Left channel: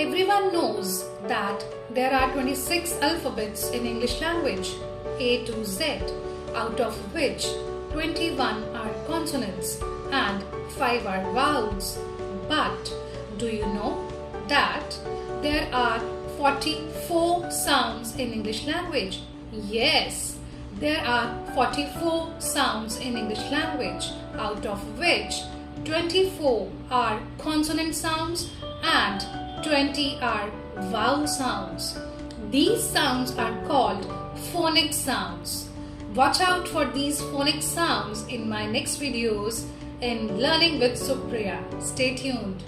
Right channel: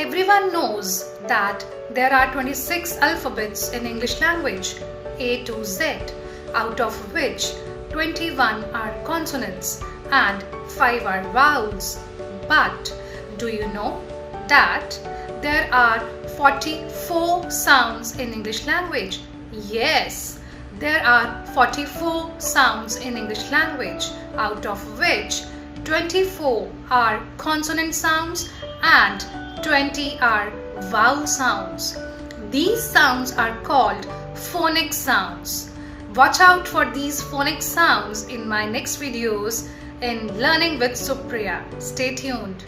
Everyone knows that there are 26 alphabets in English language, A to Z, out of which 21 are consonants and 5 are vowels. But do you know that there are 44 sounds in English language? Yes, there are 44 sounds in English language, out of which 24 are consonant sounds and 20 are vowel sounds. These sounds are called phonic sounds. Watch out for these phonic sounds in my next videos in Learning with Supriya. Stay tuned.